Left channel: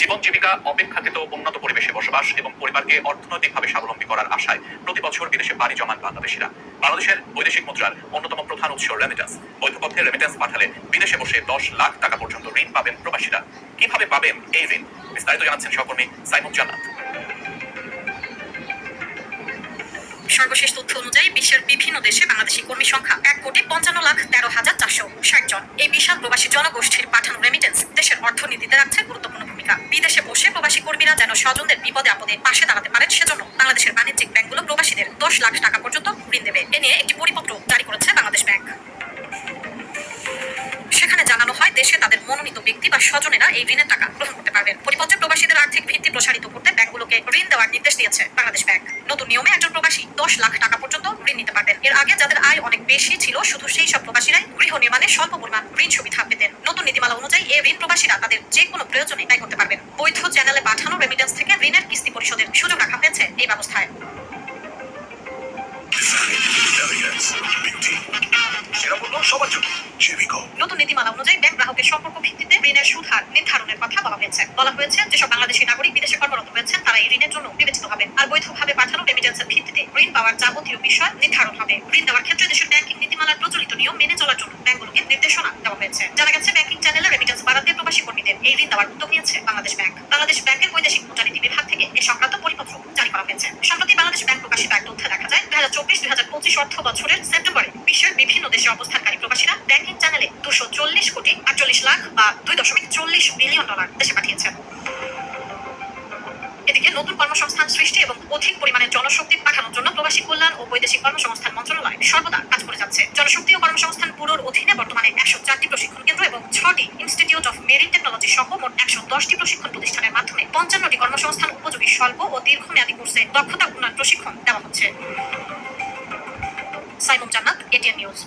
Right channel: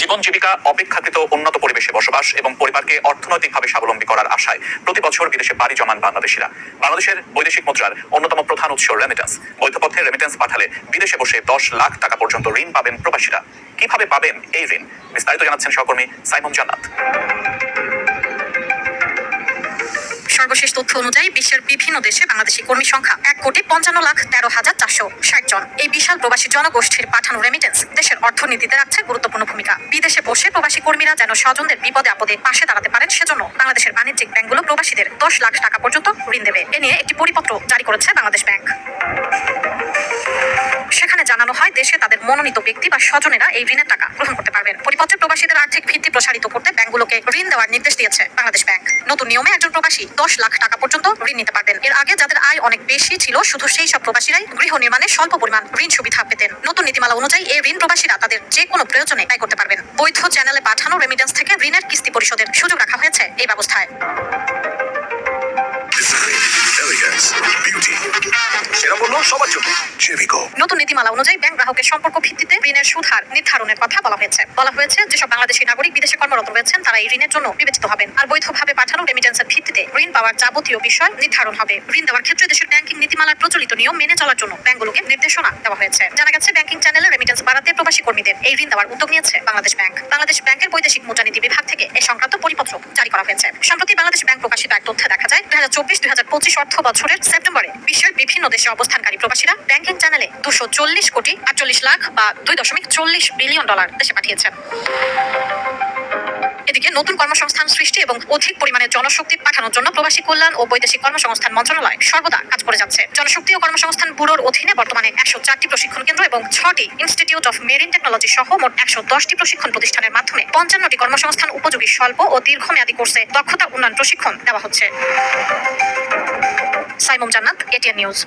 জীবন জীবিকা অপেক্ষাকৃত উন্নত পরিবেশে বসবাস এবং পরিবারকে অর্থনৈতিকভাবে স্বাবলম্বী করার আশায় প্রতি বছর বিদেশে বাড়ি জমান বাংলাদেশিরা। বাংলাদেশের বৈদেশিক মুদ্রার অন্যতম প্রধান উৎস রেমিটেন্স বৈধপথে রেমিটেন্স পাঠালে বিদেশে বসে দশ লাখ টাকা পর্যন্ত ঋণ পাবেন প্রবাসীরা। কীভাবে পাবেন এই ঋণ? বিস্তারিত জানাচ্ছেন সহকর্মী সাইমন জান্নাত। সর্বশেষ তথ্য অনুযায়ী বিশ্বের বিভিন্ন দেশে বাংলাদেশি কর্মী সংখ্যা এক কোটি পঞ্চান্ন লাখ তেরো হাজার চারশো ষাট জন। এই বিশাল প্রবাসী জনগোষ্ঠীর পাঠানো রেমিটেন্স দেশের অর্থনীতিতে রাখছে গুরুত্বপূর্ণ ভূমিকা। বিদেশে বসে প্রবাসী কর্মীরা যেন স্বজনদের বিপদে আপদে পাশে দাঁড়াতে পারেন, সেজন্য বাংলাদেশের বাণিজ্যিক ব্যাংকগুলো প্রবাসীদের দশ লাখ টাকা পর্যন্ত ঋণ দেবে। এ নিয়ে একটি পরিপত্র জারি করেছে বাংলাদেশ ব্যাংক। সেখানে হয় দেশে তাদের মনোনীত ব্যক্তি বা স্বজনেরা এই ঋণের টাকা গ্রহণ করতে পারবেন। পরিপত্রে প্রবাসীদের আর্থিক ভিত্তি প্রসারিত করতে ব্যাংকগুলোকে ঋণ দেওয়ার নির্দেশ দিয়েছে বাংলাদেশ ব্যাংক। নতুন নিয়মে একজন প্রবাসী দশ লাখ টাকা পর্যন্ত ঋণ নিতে পারবেন। এর আগে যাদের আয় অনেক বেশি ছিল, শুধু সেই সব প্রবাসীরাই গৃহ নির্মাণে স্বল্প পরিমাণ ঋণ সুবিধা পেতেন। নতুন নীতিমালা অনুযায়ী এই ঋণ প্রবাসীরা তাদের যে কোনো প্রয়োজনে ব্যয় করতে পারবেন। বৈধ চ্যানেলে পাঠানো রেমিটেন্স থেকে ঋণের কিস্তি পরিশোধের সুযোগ রাখা হয়েছে এই ব্যবস্থায়। সেরা সবার জন্য। জেভিকো নতুন নীতিমালা অনুযায়ী ব্যাংক গ্রাহকের সম্পর্ক ভিত্তিতে ঋণের সুদ হার নির্ধারণের কথা বলা হয়েছে। বলা হয়েছে, যেসব বাংলাদেশী নাগরিক, বিদেশে কর্মরত রয়েছেন, তারা এই ঋণের জন্য বিবেচিত হবেন। আর বৈধভাবে পাঠানো রেমিটেন্সের ভিত্তিতে ঋণ পাওয়ার যাবতীয় বিষয় নির্ধারণ হবে। ঋণ দেওয়ার ক্ষেত্রে দেশের ব্যাংকিং নীতিমালার প্রচলিত নিয়ম মেনে চলার জন্য ব্যাংকগুলোকে নির্দেশনা দেওয়া হয়েছে। জানা গেছে ব্যাংকিং চ্যানেলে রেমিটেন্স বাড়াতে প্রবাসী কর্মীদের এই ঋণ দেওয়ার উদ্যোগ নিয়েছে বাংলাদেশ ব্যাংক। বাংলাদেশ ব্যাংকের বৈদেশিক মুদ্রানীতি বিভাগ থেকে এ সংক্রান্ত পরিপত্র জারি করা হয়েছে। সম্প্রতি বাংলাদেশ ব্যাংক প্রকাশিত এক তথ্যে দেখা হাজার চব্বিশ দুই হাজার পঁচিশ অর্থ বছরের সেপ্টেম্বরে বিশ্বের বিভিন্ন দেশে অবস্থানকারী প্রবাসীরা ব্যাংকিং চ্যানেলে দুশো চল্লিশ কোটি আটচল্লিশ লাখ বা দুই দশমিক চল্লিশ বিলিয়ন ডলার দেশে পাঠিয়েছেন। এদিকে নতুন কর্মসংস্থান সৃষ্টি এবং অধিক পরিমাণে জনশক্তি পাঠানোর জন্য প্রবাসী কল্যাণ ও বৈদেশিক কর্মসংস্থান মন্ত্রণালয় সর্বদা কাজ করে যাচ্ছে। জনশক্তি ও কর্মসংস্থান ব্যুরোর অধীনে বর্তমানে একশো চারটি প্রশিক্ষণ কেন্দ্র এবং ছটি ইনস্টিটিউট অফ মেরিন টেকনোলজি সহ মোট একশো দশটি প্রশিক্ষণ প্রতিষ্ঠানের মাধ্যমে পঞ্চান্নটি কর্মসংস্থান উপযোগী স্বল্প ও দীর্ঘমেয়াদী কোর্সে দক্ষতা উন্নয়ন প্রশিক্ষণ দেওয়া হচ্ছে। সাইমুম জান্নাত, এটিএন নিউজ।